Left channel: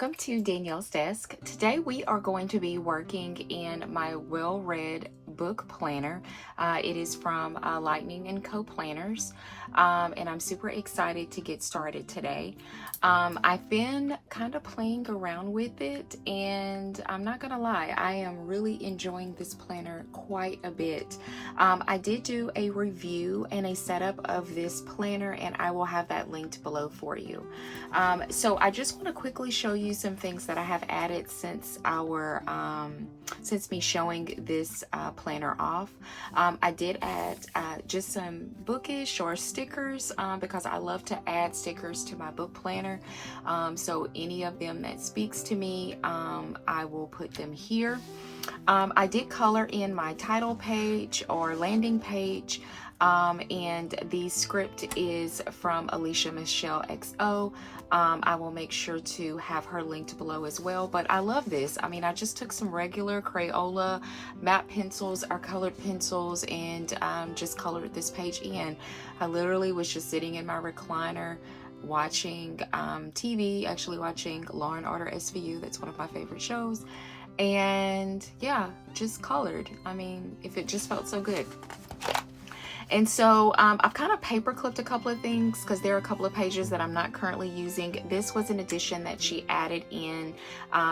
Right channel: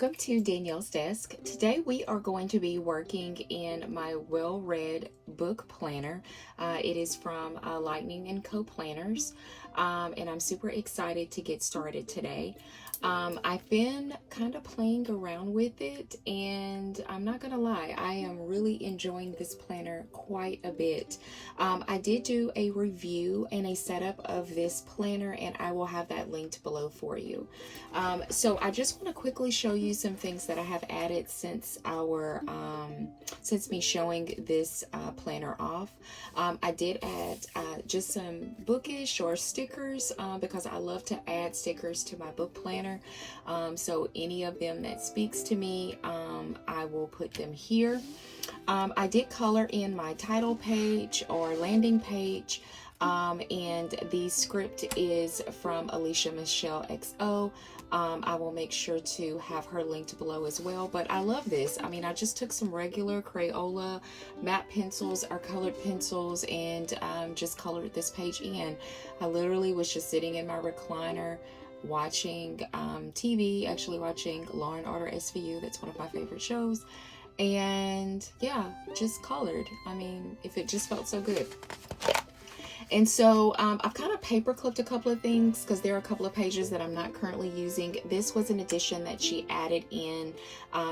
Welcome to Danielle's Desk. Today we are going to be working in my well-read book planner. It is from Lightning & Co. Planners, and I'm super excited to get started today. I've been kind of playing around with it, and I'm not gonna lie, I am really enjoying this planner quite a bit. I did do a review and a setup of this planner, and I will have that linked below for you. So I just want to quickly show you some things that I have added since since me showing this planner off. I did add just some bookish or stickers because I love to add stickers to my book planner. So any of them that speaks to me, I will put them here. I did color in my title page or landing page. And the script is from Alicia Michelle XO. I will make sure to have her linked below as well, but I love this. I mean, I just took some regular Crayola matte pencils or colored pencils and just colored this page in. I literally was just sitting in my recliner watching TV, actually watching Law and Order SVU. That's one of my favorite shows. And yeah, just colored. I mean, if it just felt so good. And so I've kind of paper clipped a couple of things because there are a couple of pages that I'm not currently using. This was an addition that she added in.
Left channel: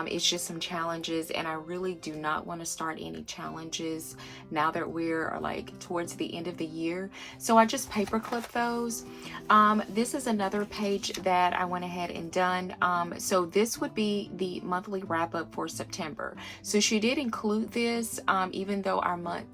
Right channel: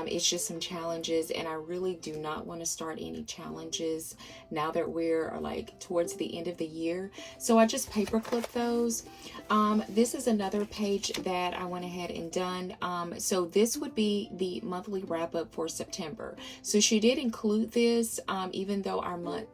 It's just some challenges, and I really do not want to start any challenges now that we're like towards the end of the year. So I just paper clipped those. This is another page that I went ahead and done. So this would be the monthly wrap up for September. So she did include this, even though our month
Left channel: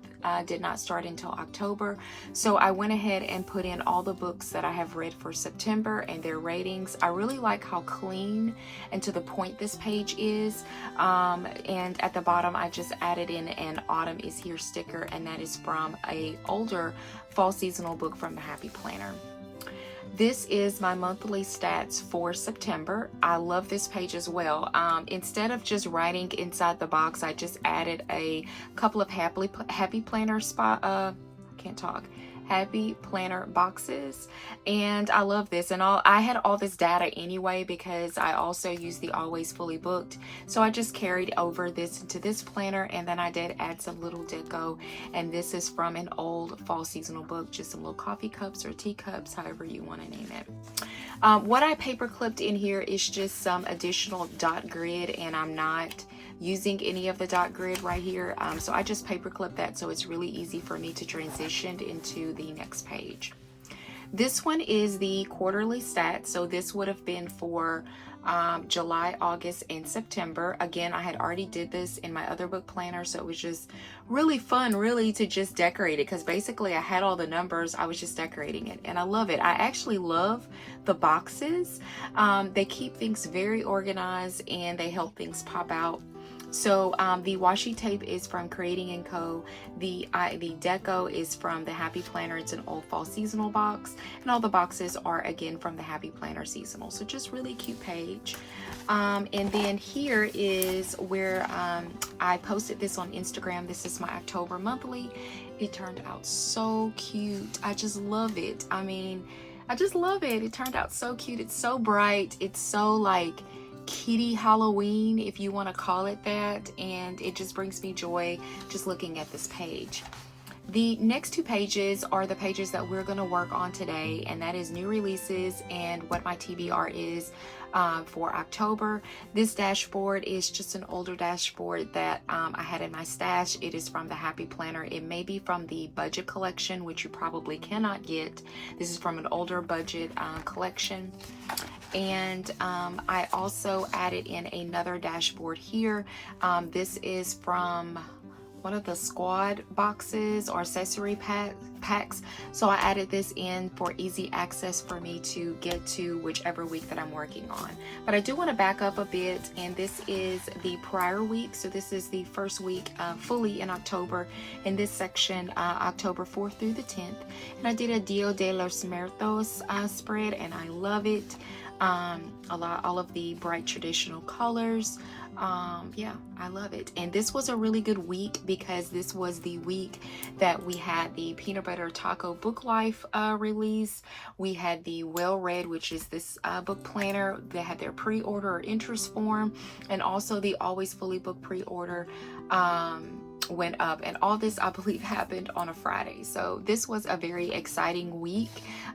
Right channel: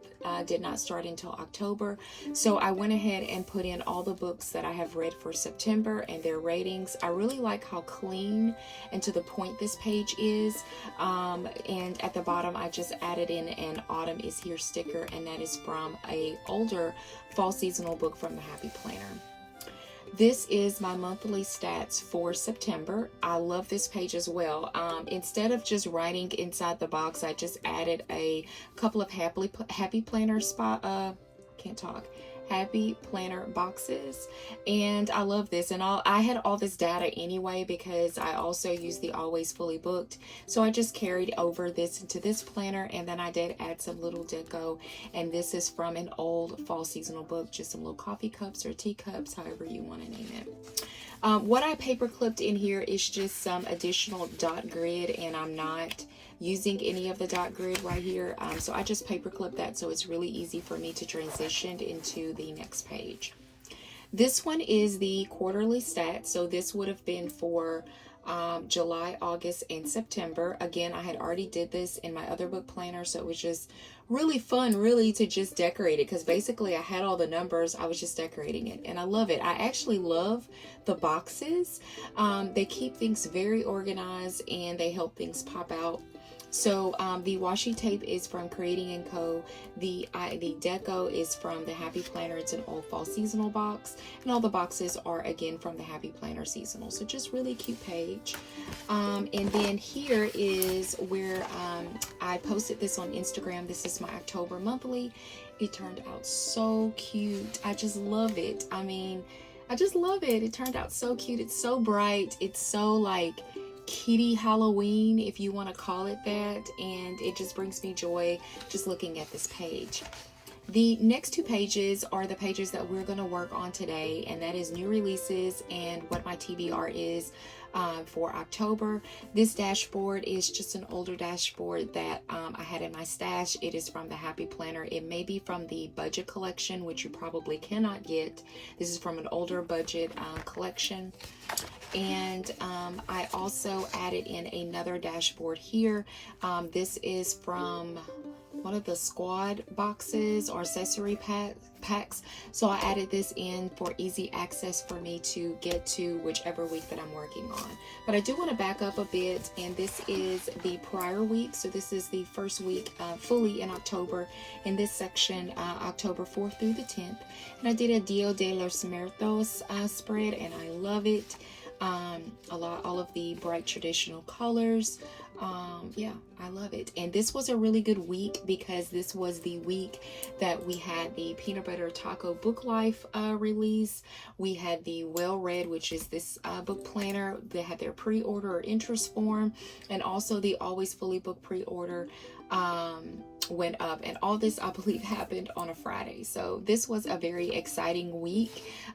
did not start until October. So I went ahead and put in all the books that I have read for September and their ratings. I really like how clean and to the point this page is. And at the bottom, I just added in an Autumn is Here sticker, and that is from an older fall seasonal book from the Happy Planner. This is my monthly stats for September. I love this page as well. Instead of just writing inside the box, I just added a couple of happy planner happy planner boxes, and I love this. And I had all this data anyway because I also use the Always Fully Booked, so I just carried over this into this planner, and then I did add some little deco, and this is from an old fall seasonal book, just some little coffee cups or teacups, however you want to name it. What I paper clipped in here is just some additional dot grid, and I'm not using any of the dot grid right here, so I just paper clip that so it's really easy for me to transition into the next page. This one is the quarterly stats, so this would have been for July, August, and September. Again, I had already did this in my other book planner, so it was just really fun really to just decorate it because basically I had all the numbers, I was just decorating it, and I love it. I actually love the boxes. They keep things very organized and they help things pop out. So the washi tape is from Creating & Co. The deco is from the Happy Planner. It's an old fall seasonal box, and all the boxes are again from the Happy Planner seasonal. So just really cute page. And then here is where I posted this on Instagram. This is my October monthly. It turned out so cute. I just love it. I mean, I just love it. It turned out so cute. It's so bright. It's so like kitty Halloween, if you want to call it that, and it just brings me joy just looking at this page. The next two pages are the pages that we're going to work on today, and that is new releases and what my TBR is for October. This dashboard is just an older dashboard that I had in my stash. It is from the Happy Planner. It may be from the budget collection, which you probably cannot get. This is from an older budget collection. And I also added in another dashboard here. This is from one of the squad boxes or accessory packs. So I added this in for easy access for me to get to whichever week that I'm working on. But I do want to back up a bit, and this is the prior week. So this is the first week fully in October. In this section, October 4th through the 10th. And I did a Dia de los Muertos spread, and I love it. All of the bright traditional colors. Yeah, I love it. And this was a really good week because this was the week that we had the Peanut Butter Taco Book Life release. We had the Well Read, which is this book planner. They had their pre-order or interest form, and also the Always Fully Booked pre-order went up, and all this I believe happened on a Friday. So this was a very exciting week,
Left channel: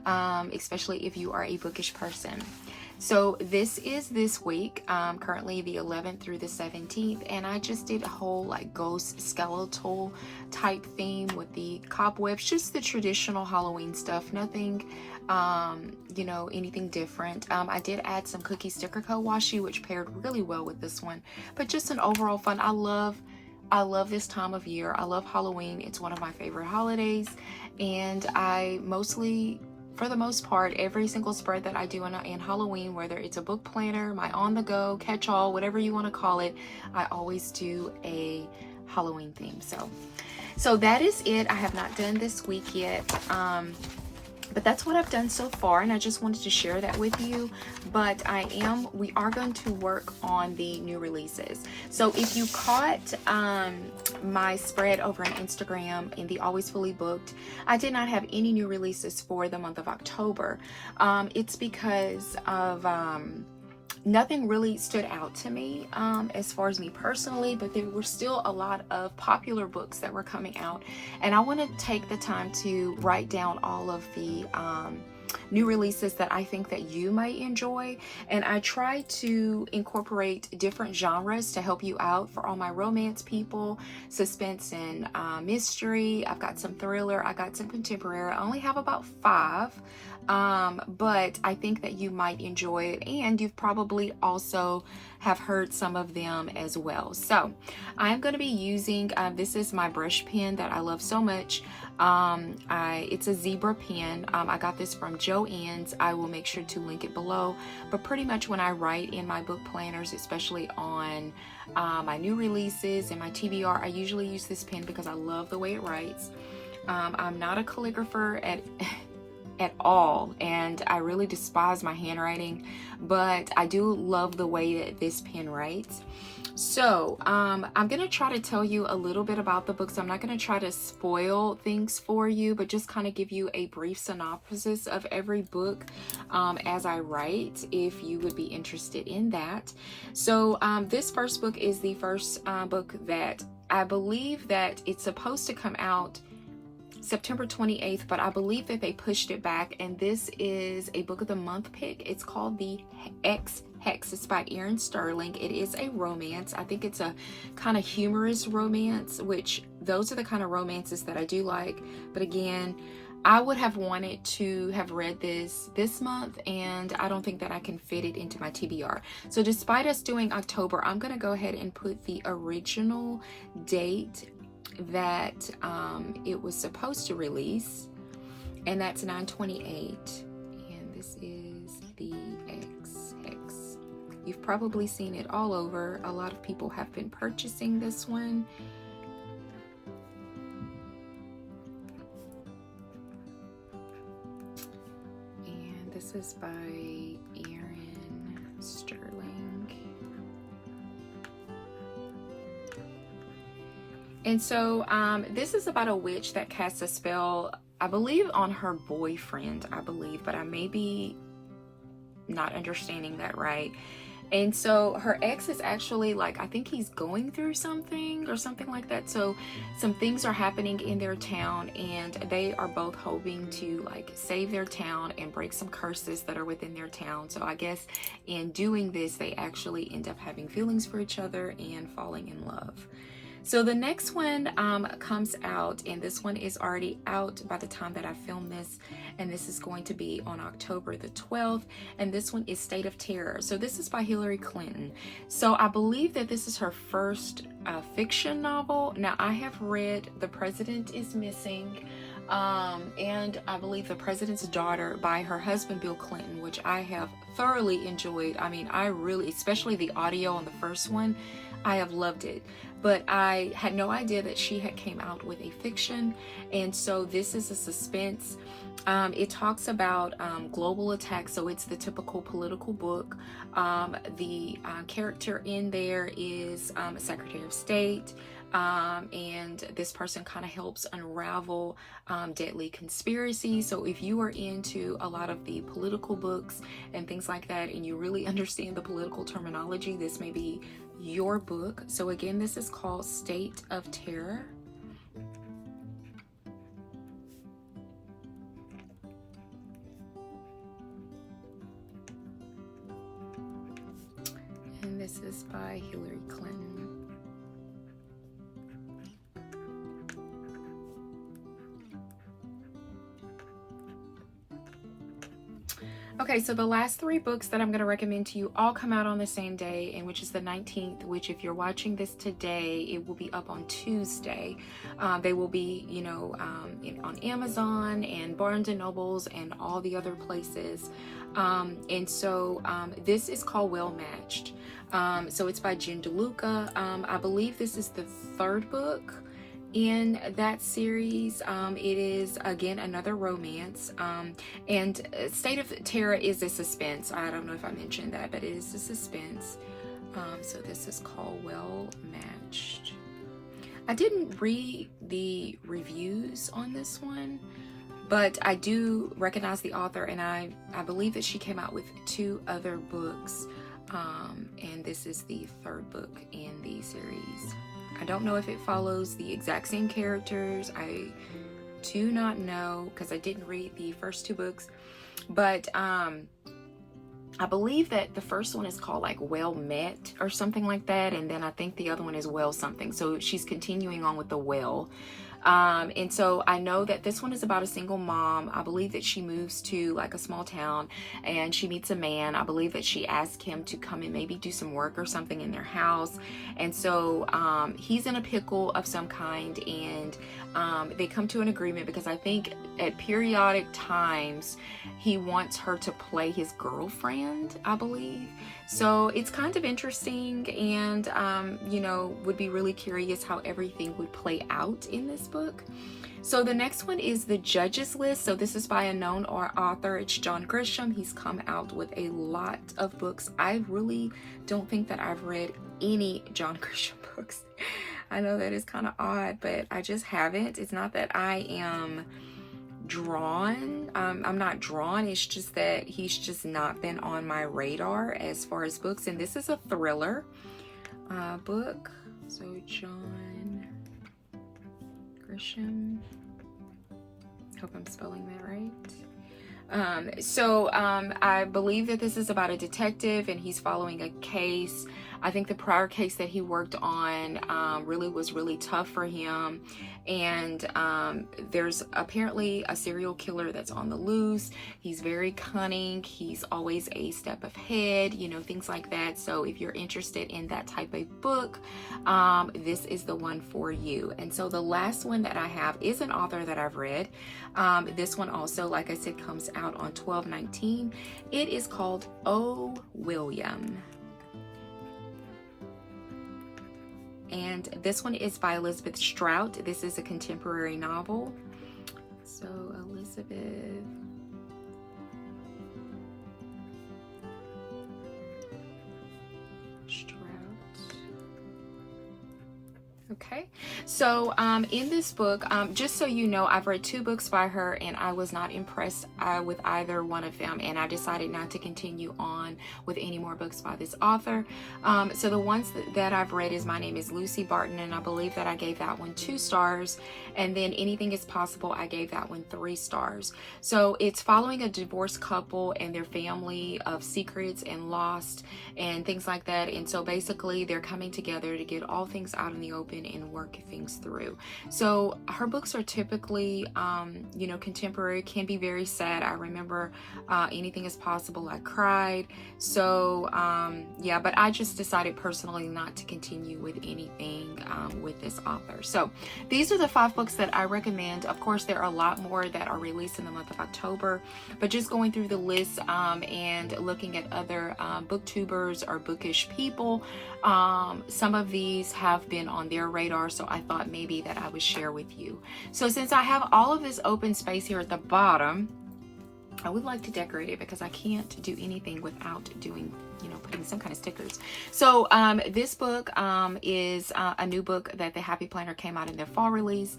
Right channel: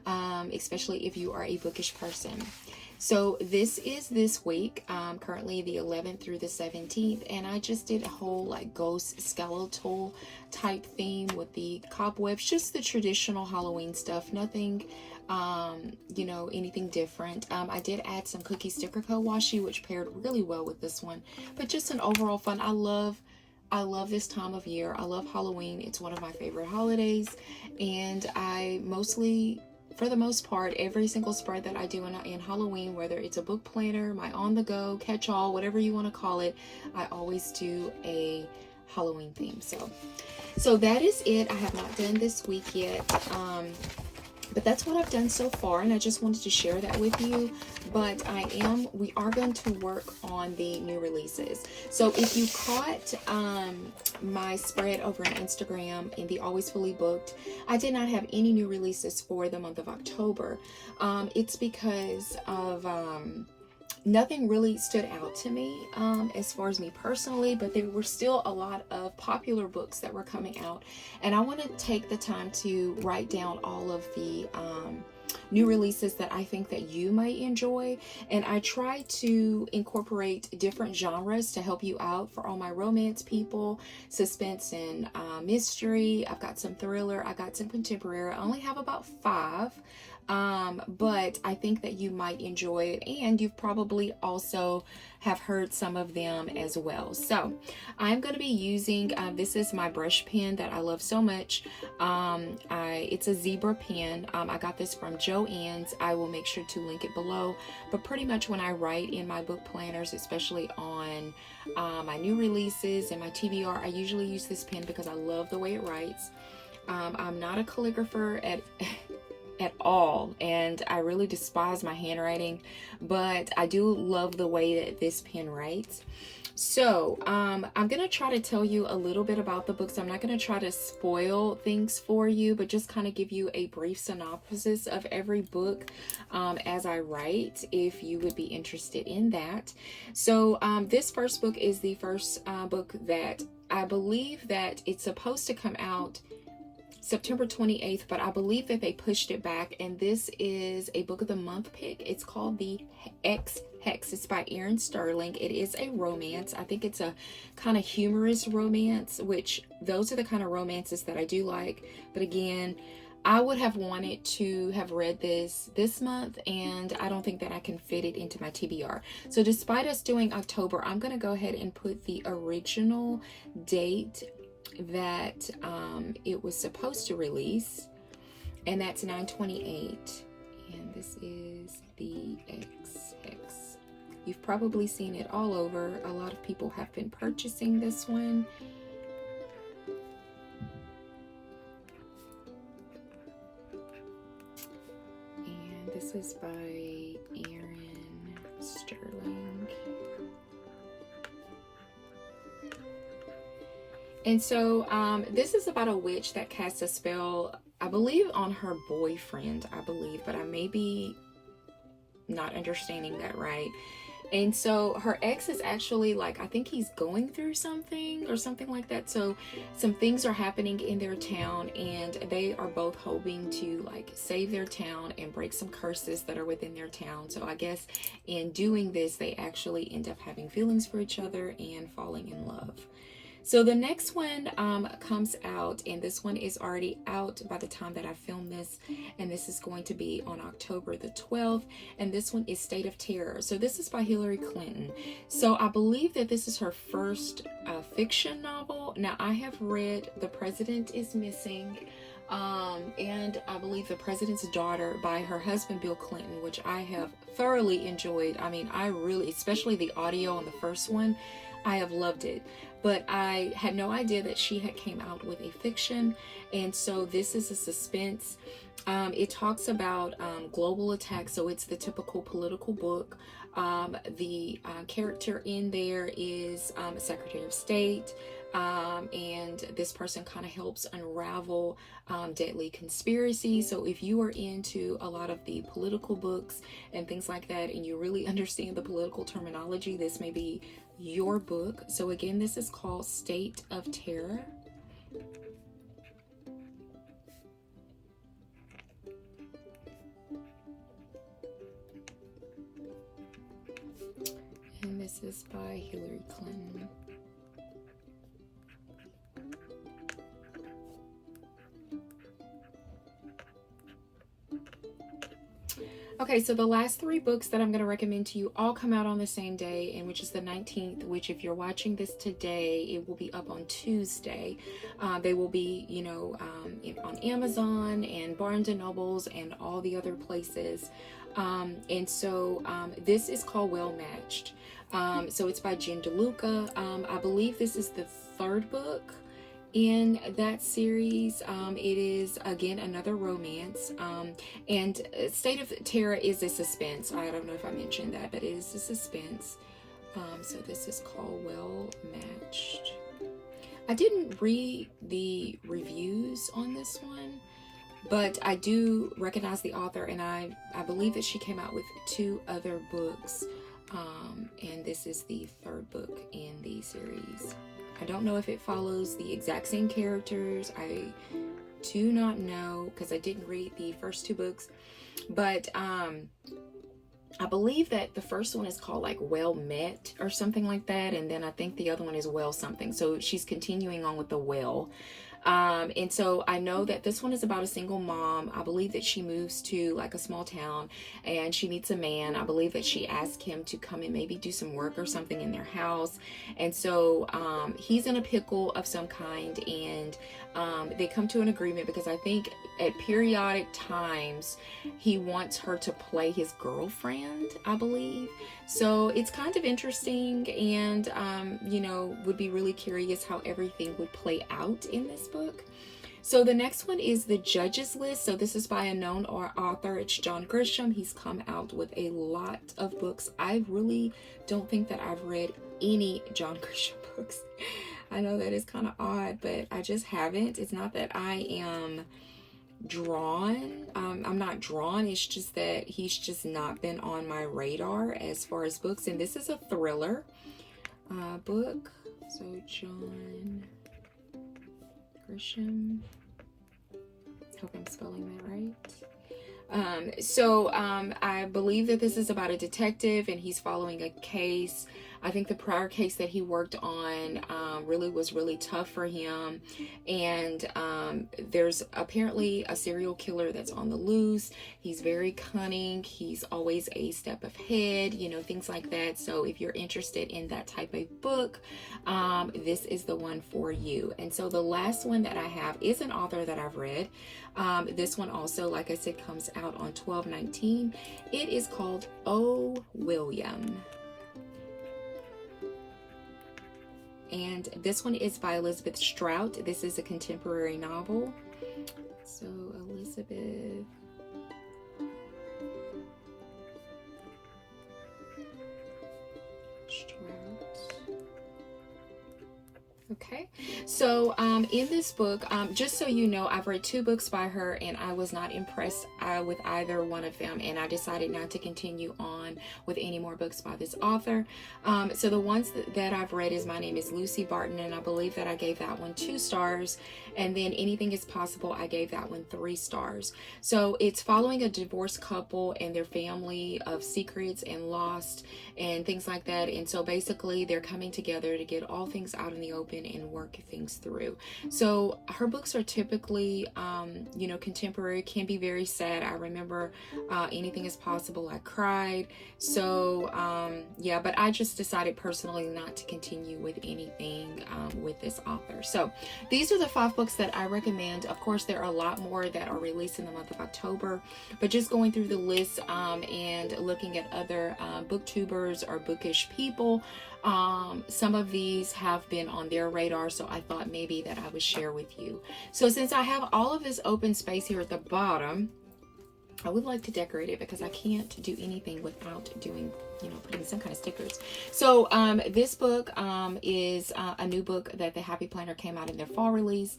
especially if you are a bookish person. So this is this week, currently the 11th through the 17th, and I just did a whole like ghost skeletal type theme with the cobwebs, just the traditional Halloween stuff, nothing you know, anything different. I did add some cookie sticker co-washi, which paired really well with this one, but just an overall fun. I love this time of year. I love Halloween. It's one of my favorite holidays, and I mostly, for the most part, every single spread that I do in Halloween, whether it's a book planner, my on-the-go, catch-all, whatever you want to call it, I always do a Halloween theme. So that is it. I have not done this week yet. But that's what I've done so far, and I just wanted to share that with you. But we are going to work on the new releases. So if you caught my spread over on Instagram in the Always Fully Booked, I did not have any new releases for the month of October. It's because of nothing really stood out to me as far as me personally, but there were still a lot of popular books that were coming out, and I want to take the time to write down all of the new releases that I think that you might enjoy. And I try to incorporate different genres to help you out for all my romance people, suspense and mystery. I've got some thriller, I got some contemporary. I only have about 5. But I think that you might enjoy it, and you've probably also have heard some of them as well. So I'm going to be using, this is my brush pen that I love so much. It's a zebra pen. I got this from Joann's. I will make sure to link it below. But pretty much when I write in my book planners, especially on my new releases and my TBR, I usually use this pen because I love the way it writes. I'm not a calligrapher at all, and I really despise my handwriting, but I do love the way that this pen writes. So I'm gonna try to tell you a little bit about the books. I'm not gonna try to spoil things for you, but just kind of give you a brief synopsis of every book as I write, if you would be interested in that. So this first book is the first book that I believe that it's supposed to come out September 28th, but I believe that they pushed it back, and this is a book of the month pick. It's called The X Hex. It's by Erin Sterling. It is a romance. I think it's a kind of humorous romance, which those are the kind of romances that I do like. But again, I would have wanted to have read this month, and I don't think that I can fit it into my TBR. So despite us doing October, I'm going to go ahead and put the original date that it was supposed to release, and that's 9/28, and this is the X. You've probably seen it all over. A lot of people have been purchasing this one. And this is by Erin Sterling. And so this is about a witch that casts a spell, I believe, on her boyfriend, but I may be not understanding that right. And so her ex is actually, like, I think he's going through something or something like that. So some things are happening in their town, and they are both hoping to like save their town and break some curses that are within their town. So I guess in doing this, they actually end up having feelings for each other and falling in love. So the next one comes out, and this one is already out by the time that I film this, and this is going to be on October the 12th, and this one is State of Terror. So this is by Hillary Clinton. So I believe that this is her first fiction novel. Now, I have read The President is Missing, and I believe The President's Daughter by her husband Bill Clinton, which I have thoroughly enjoyed. I mean, I really, especially the audio on the first one, I have loved it. But I had no idea that she had came out with a fiction, and so this is a suspense. It talks about global attacks, so it's the typical political book. The character in there is a Secretary of State, and this person kind of helps unravel deadly conspiracies. So if you are into a lot of the political books and things like that, and you really understand the political terminology, this may be your book. So again, this is called State of Terror. And this is by Hillary Clinton. Okay, so the last 3 books that I'm going to recommend to you all come out on the same day, and which is the 19th, which if you're watching this today, it will be up on Tuesday. They will be, you know, on Amazon and Barnes and Nobles and all the other places. And so this is called Well Matched. So it's by Jen DeLuca. I believe this is the 3rd book in that series. It is again another romance, and State of Terror is a suspense. I don't know if I mentioned that, but it is a suspense. So this is called Well Matched. I didn't read the reviews on this one, but I do recognize the author, and I believe that she came out with 2 other books, and this is the 3rd book in the series. I don't know if it follows the exact same characters. I do not know because I didn't read the first 2 books, but I believe that the first one is called like Well Met or something like that, and then I think the other one is Well something. So she's continuing on with the Well. And so I know that this one is about a single mom. I believe that she moves to like a small town and she meets a man. I believe that she asked him to come and maybe do some work or something in their house. And so he's in a pickle of some kind, and they come to an agreement because I think at periodic times he wants her to play his girlfriend, I believe. So it's kind of interesting, and you know, would be really curious how everything would play out in this book. So the next one is The Judge's List. So this is by a known author. It's John Grisham. He's come out with a lot of books. I really don't think that I've read any John Grisham books. I know that is kind of odd, but I just haven't. It's not that I am drawn. I'm not drawn. It's just that he's just not been on my radar as far as books. And this is a thriller book. So John Grisham. Hope I'm spelling that right. I believe that this is about a detective and he's following a case. I think the prior case that he worked on was really tough for him, and there's apparently a serial killer that's on the loose. He's very cunning. He's always a step ahead, you know, things like that. So if you're interested in that type of book, this is the one for you. And so the last one that I have is an author that I've read. This one also, like I said, comes out on 12/19. It is called Oh, William. And this one is by Elizabeth Strout. This is a contemporary novel. So Elizabeth Strout. Okay, so in this book, just so you know, I've read 2 books by her and I was not impressed with either one of them, and I decided not to continue on with any more books by this author. So the ones that I've read is My Name is Lucy Barton, and I believe that I gave that one 2 stars, and then Anything is Possible, I gave that one 3 stars. So it's following a divorced couple and their family of secrets and lost and things like that, and so basically they're coming together to get all things out in the open and work things through. So her books are typically you know, contemporary, can be very sad. I remember Anything is Possible, I cried. So yeah, but I just decided personally not to continue with anything with this author. So these are the 5 cookbooks that I recommend. Of course, there are a lot more that are released in the month of October, but just going through the list and looking at other booktubers or bookish people, some of these have been on their radar, so I thought maybe that I would share with you. So since I have all of this open space here at the bottom, I would like to decorate it because I can't do anything without doing, putting some kind of stickers. So this book is a new book that the Happy Planner came out in their fall release.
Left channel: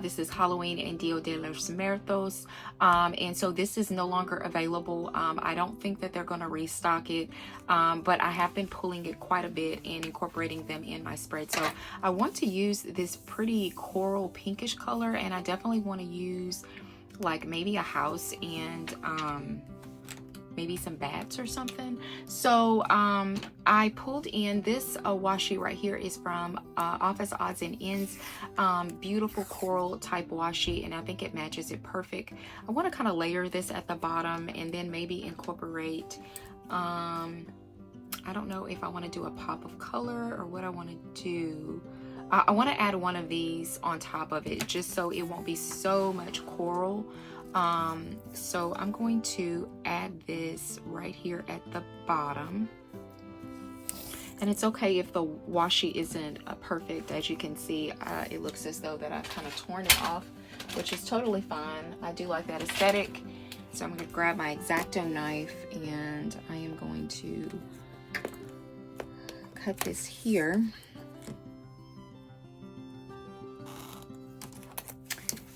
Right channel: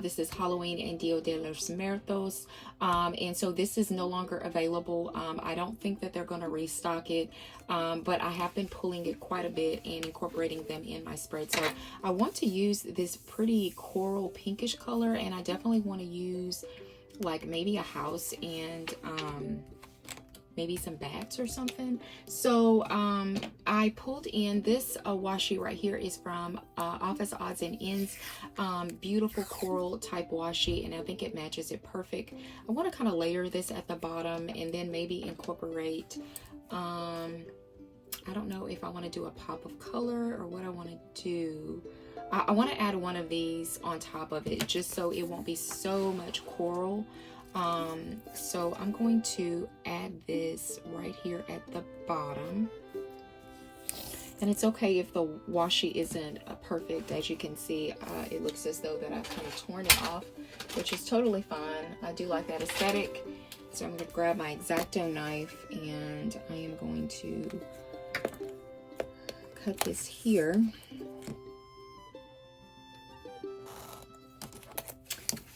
This is Halloween and Dia de los Muertos. And so this is no longer available. I don't think that they're going to restock it, but I have been pulling it quite a bit and incorporating them in my spread. So I want to use this pretty coral pinkish color, and I definitely want to use like maybe a house and maybe some bats or something. So I pulled in this washi right here is from Office Odds and Ends. Beautiful coral type washi, and I think it matches it perfect. I want to kind of layer this at the bottom and then maybe incorporate I don't know if I want to do a pop of color or what I want to do. I want to add one of these on top of it just so it won't be so much coral. So I'm going to add this right here at the bottom. And it's okay if the washi isn't perfect. As you can see, it looks as though that I've kind of torn it off, which is totally fine. I do like that aesthetic. So I'm going to grab my X-Acto knife and I am going to cut this here.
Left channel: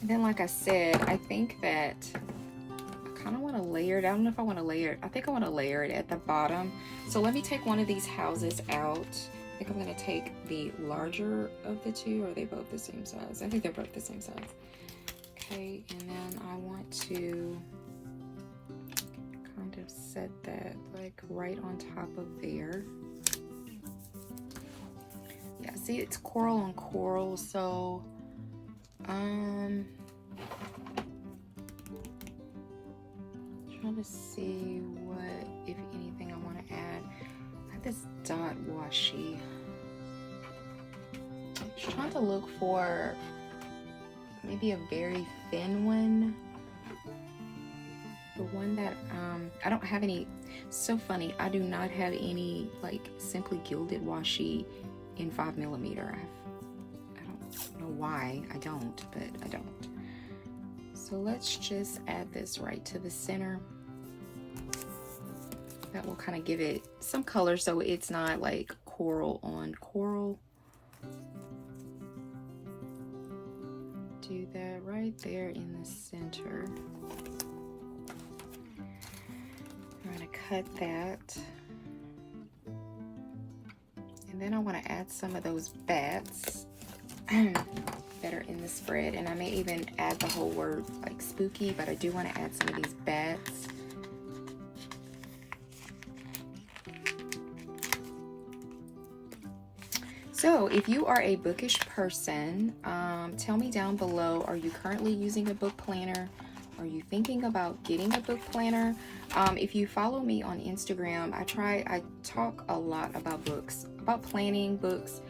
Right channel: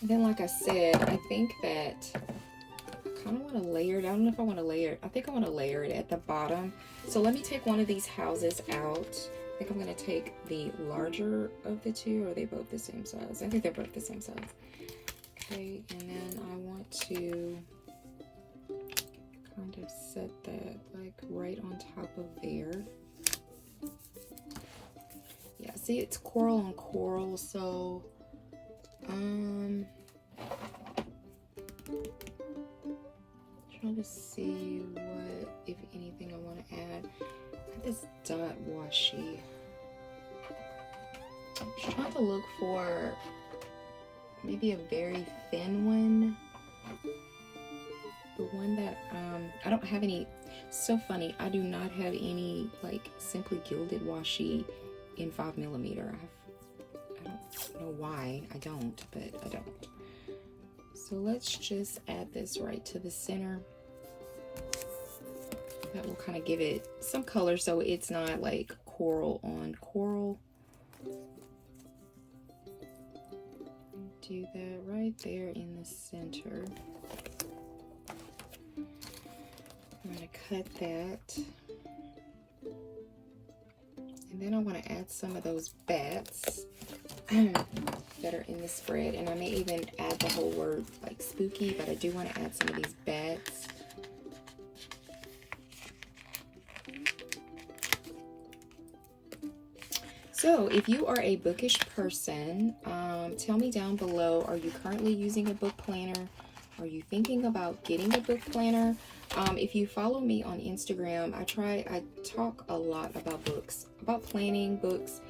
And then, like I said, I think that I kind of want to layer it. I don't know if I want to layer it. I think I want to layer it at the bottom. So let me take one of these houses out. I think I'm going to take the larger of the two. Or are they both the same size? I think they're both the same size. Okay, and then I want to kind of set that like right on top of there. Yeah, see, it's coral on coral, so trying to see what, if anything, I want to add. I have this dot washi. I'm trying to look for maybe a very thin one. The one that I don't have any. So funny, I do not have any like Simply Gilded washi in 5mm. I don't know why I don't, but I don't. So let's just add this right to the center. That will kind of give it some color so it's not like coral on coral. Do that right there in the center. I'm going to cut that. And then I want to add some of those bats that are in the spread, and I may even add the whole word like spooky, but I do want to add some of these bats. So if you are a bookish person, tell me down below, are you currently using a book planner? Are you thinking about getting a book planner? If you follow me on Instagram, I talk a lot about books, about planning books,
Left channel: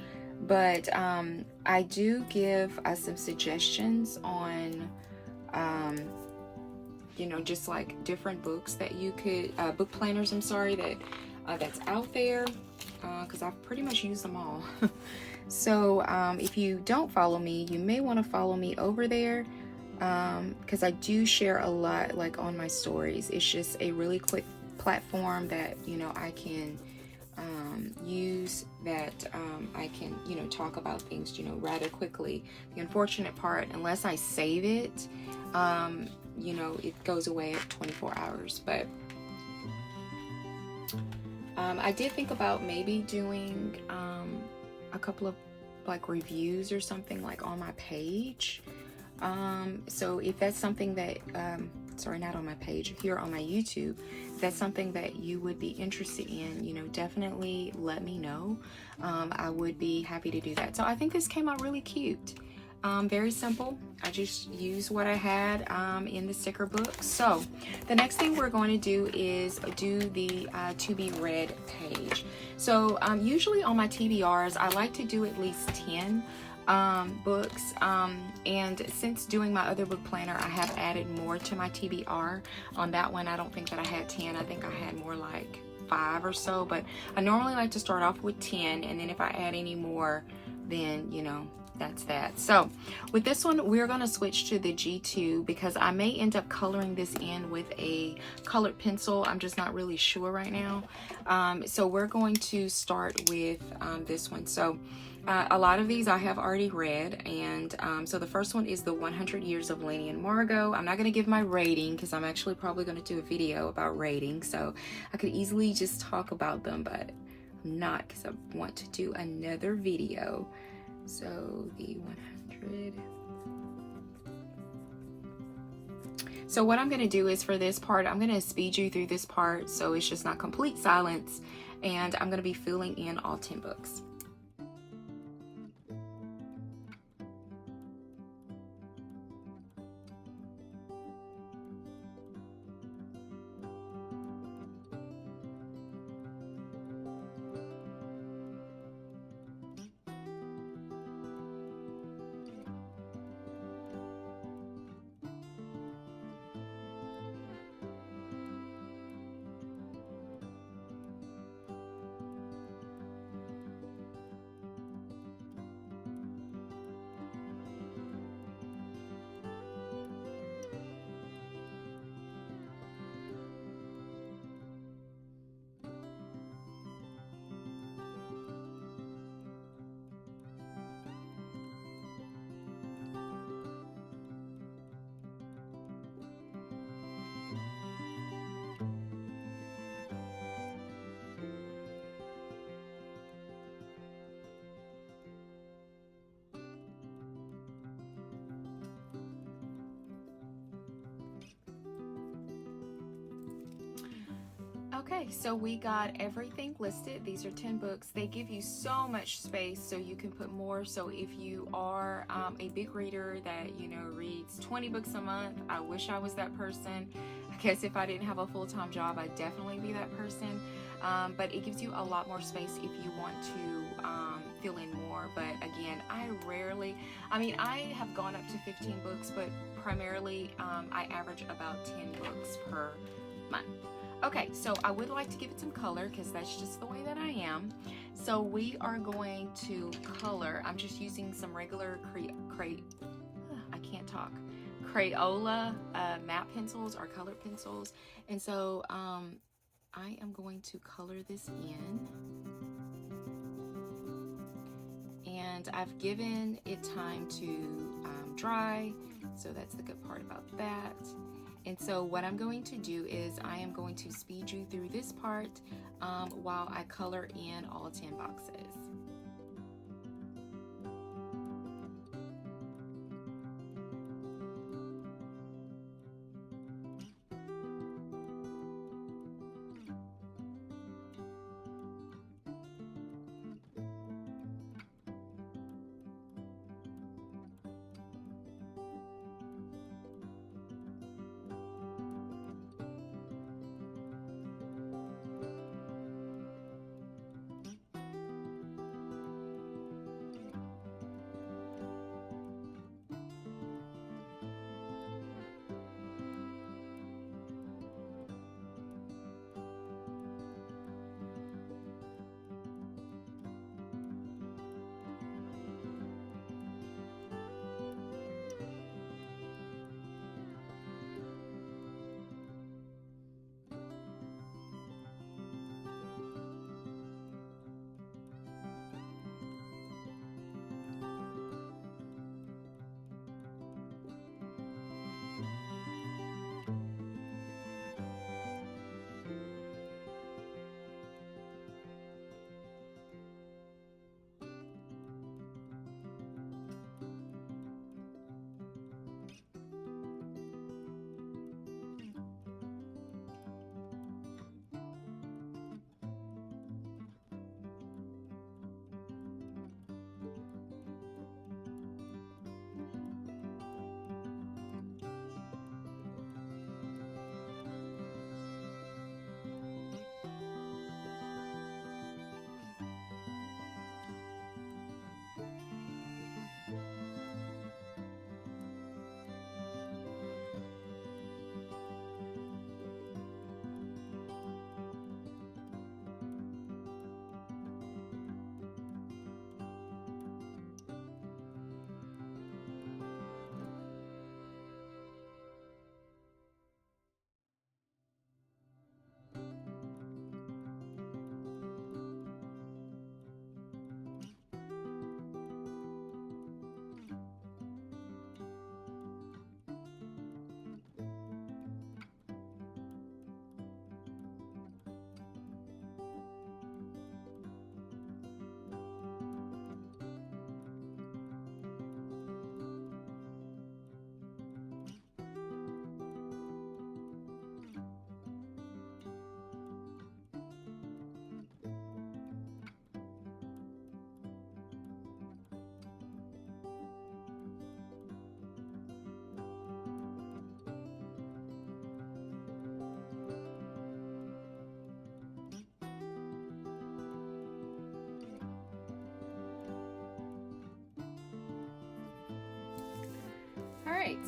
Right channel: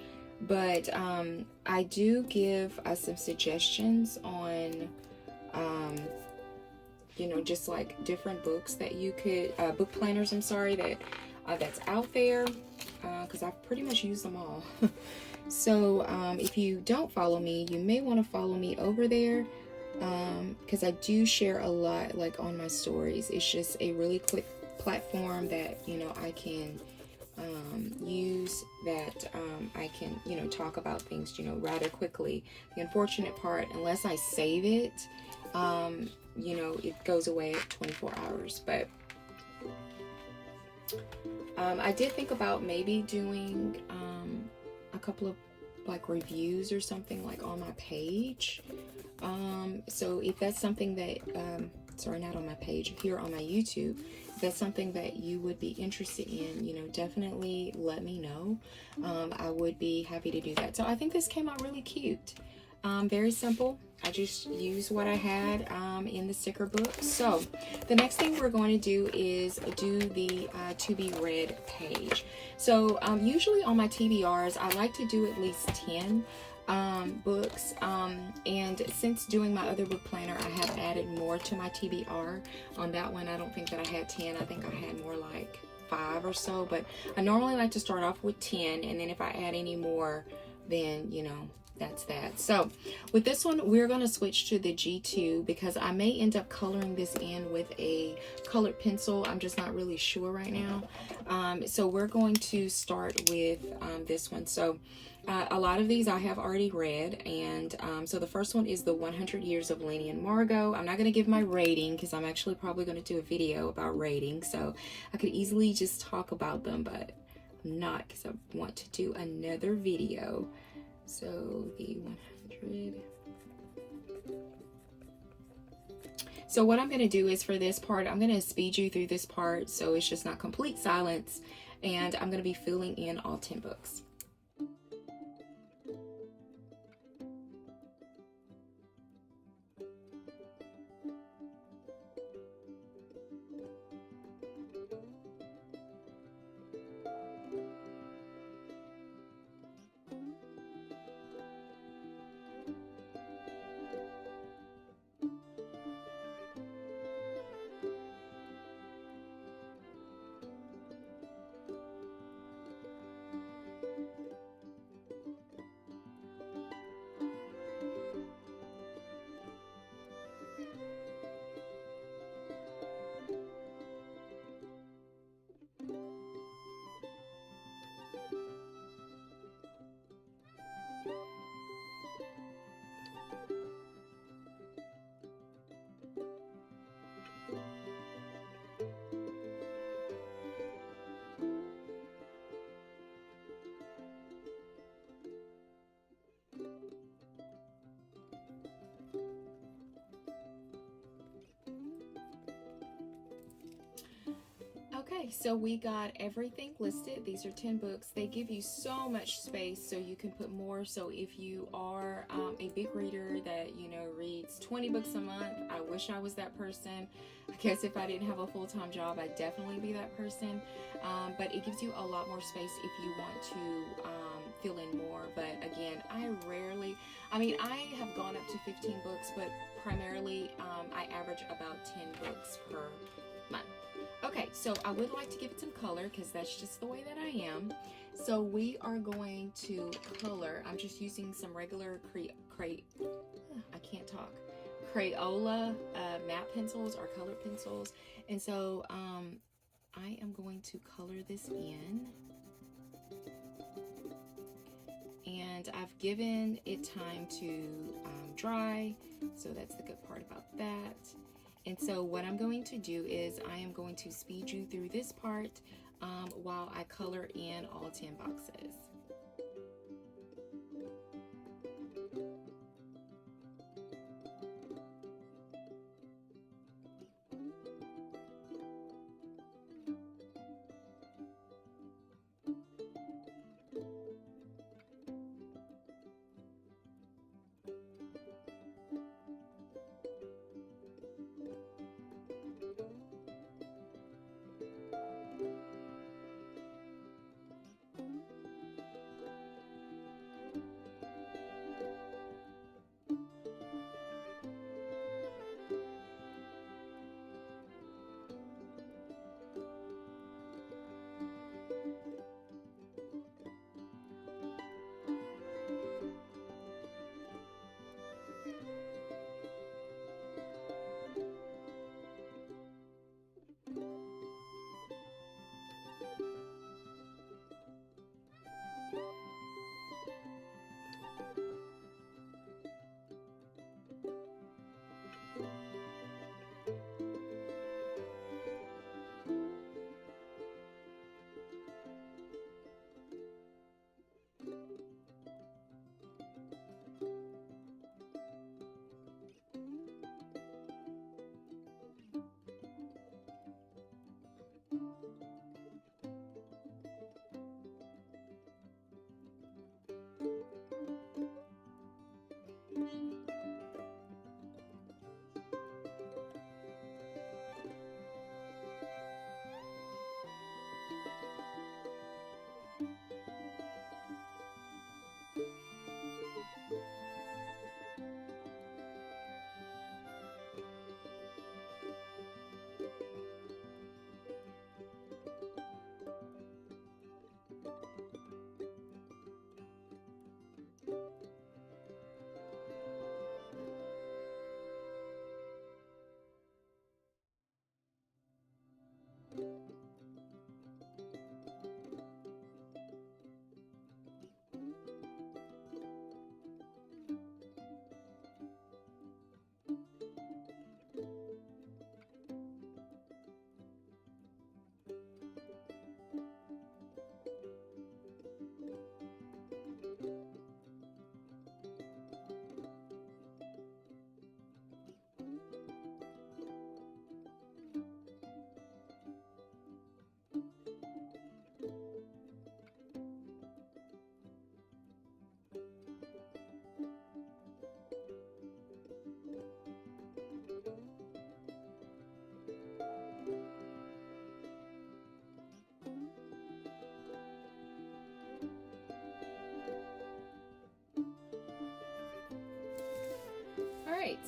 but I do give some suggestions on, just like different books that you could, book planners, I'm sorry, that's out there, because I've pretty much used them all. So if you don't follow me, you may want to follow me over there, because I do share a lot like on my stories. It's just a really quick platform that I can use, that I can talk about things rather quickly. The unfortunate part, unless I save it, it goes away at 24 hours. But I did think about maybe doing a couple of like reviews or something like on my page. So if that's something that, sorry, not on my page, here on my YouTube, if that's something that you would be interested in, definitely let me know. I would be happy to do that. So I think this came out really cute. Very simple. I just used what I had in the sticker book. So the next thing we're going to do is do the to be read page. So usually on my TBRs, I like to do at least 10. books. And since doing my other book planner, I have added more to my TBR. On that one, I don't think that I had 10. I think I had more like 5 or so, but I normally like to start off with 10, and then if I add any more, then you know, that's that. So with this one, we're going to switch to the G2 because I may end up coloring this in with a colored pencil. I'm just not really sure right now. So we're going to start with this one. So a lot of these I have already read, and so the first one is the 100 Years of Lenny and Margot. I'm not going to give my rating because I'm actually probably going to do a video about rating, so I could easily just talk about them, but I'm not because I want to do another video. So the 100. So what I'm going to do is for this part, I'm going to speed you through this part so it's just not complete silence, and I'm going to be filling in all 10 books. Okay, so we got everything listed. These are 10 books. They give you so much space so you can put more. So if you are a big reader that, you know, reads 20 books a month, I wish I was that person. I guess if I didn't have a full-time job, I'd definitely be that person. But it gives you a lot more space if you want to fill in more. But again, I have gone up to 15 books, but primarily I average about 10 books per month. Okay, so I would like to give it some color because that's just the way that I am. So we are going to color. I'm just using some regular Crayola matte pencils or colored pencils. And so I am going to color this in. And I've given it time to dry, so that's the good part about that. And so what I'm going to do is I am going to speed you through this part while I color in all 10 boxes.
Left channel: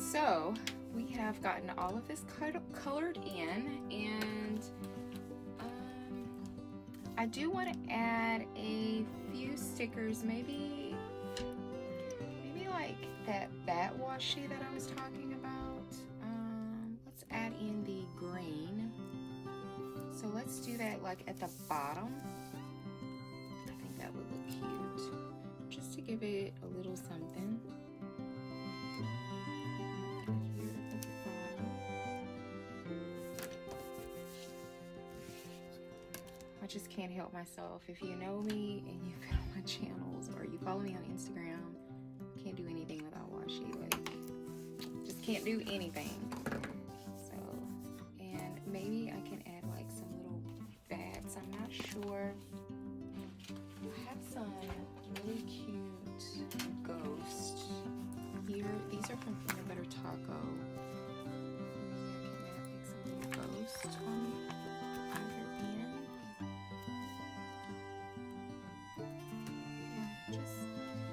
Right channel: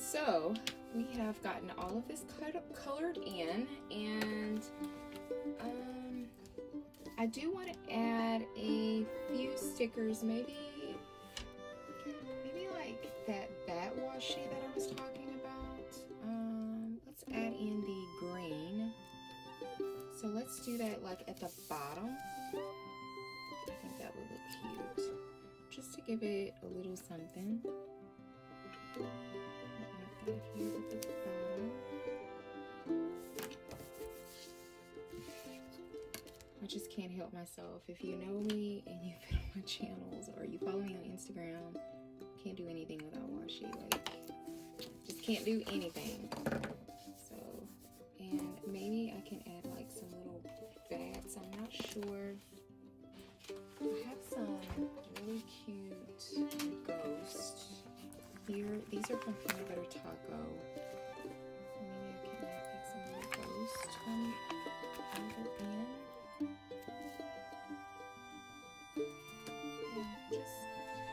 So we have gotten all of this colored in, and I do want to add a few stickers, maybe like that washi that I was talking about. Let's add in the green. So let's do that like at the bottom. I think that would look cute, just to give it a little something. I just can't help myself. If you know me and you've been on my channels or you follow me on Instagram, can't do anything without washi. Like, just can't do anything. So, and maybe I can add like some little bats. I'm not sure. I have some really cute ghosts here. These are from Peanut Butter Taco. Maybe I can add like some little ghosts under in.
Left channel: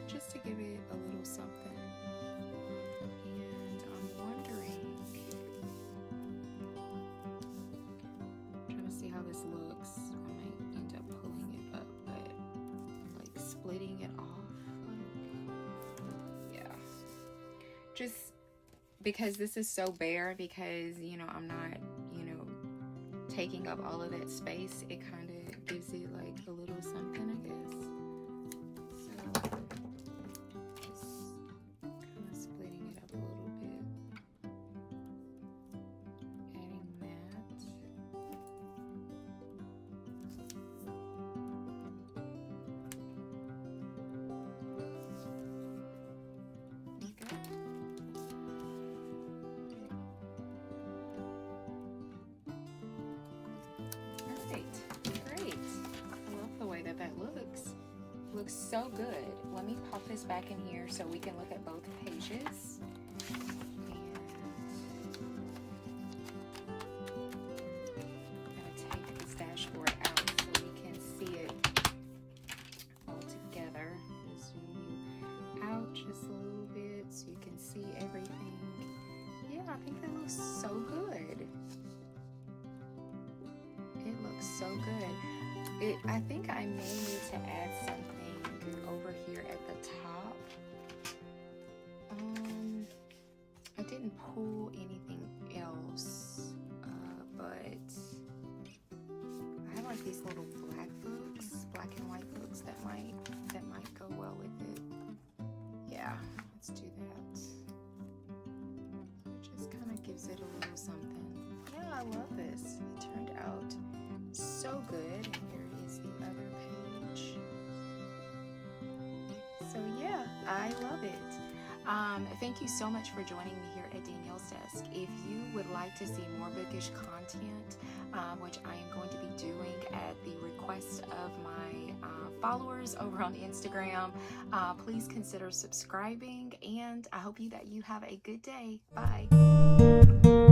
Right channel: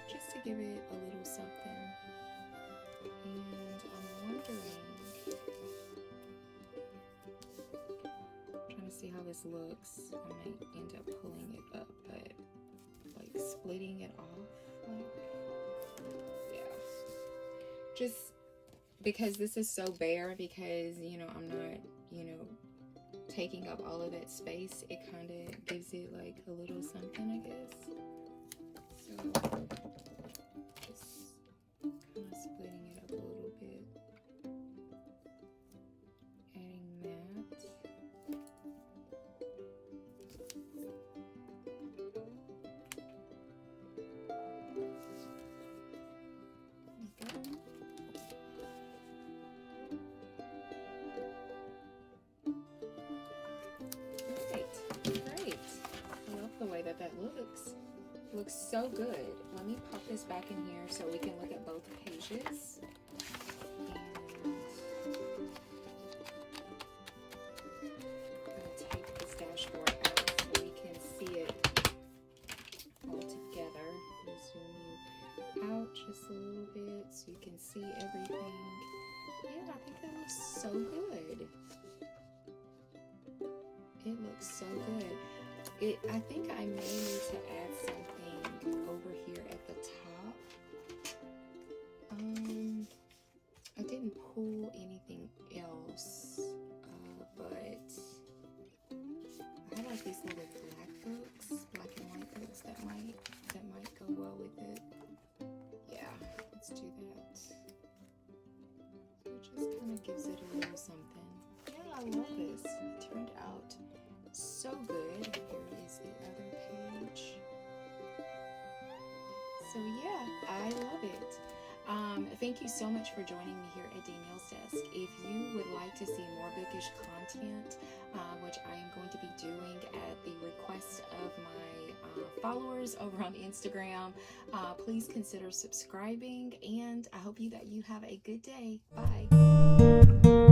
Just to give it a little something. And I'm wondering, trying to see how this looks. I might end up pulling it up, but like splitting it off. Like, yeah. Just because this is so bare, because you know I'm not, taking up all of that space, it kind of gives it like a little something, I guess. So just kind of splitting it up a little bit, adding that. Looks so good. Let me pop this back in here so we can look at both pages. I'm going to take this dashboard out so we can see it all together. Zoom you out just a little bit so you can see everything. Yeah, I think that looks so good. It looks so good. I think I may need to add something over here at the top. I didn't pull anything else, but I have like these little black and white folks that might go well with it. Yeah, let's do that. It just kind of gives it a little something. Yeah, I love this. It turned out so good. Here is the other page. So yeah, I love it. Thank you so much for joining me here at Danielle's Desk. If you would like to see more bookish content, which I am going to be doing at the request of my followers over on Instagram, please consider subscribing, and I hope that you have a good day. Bye.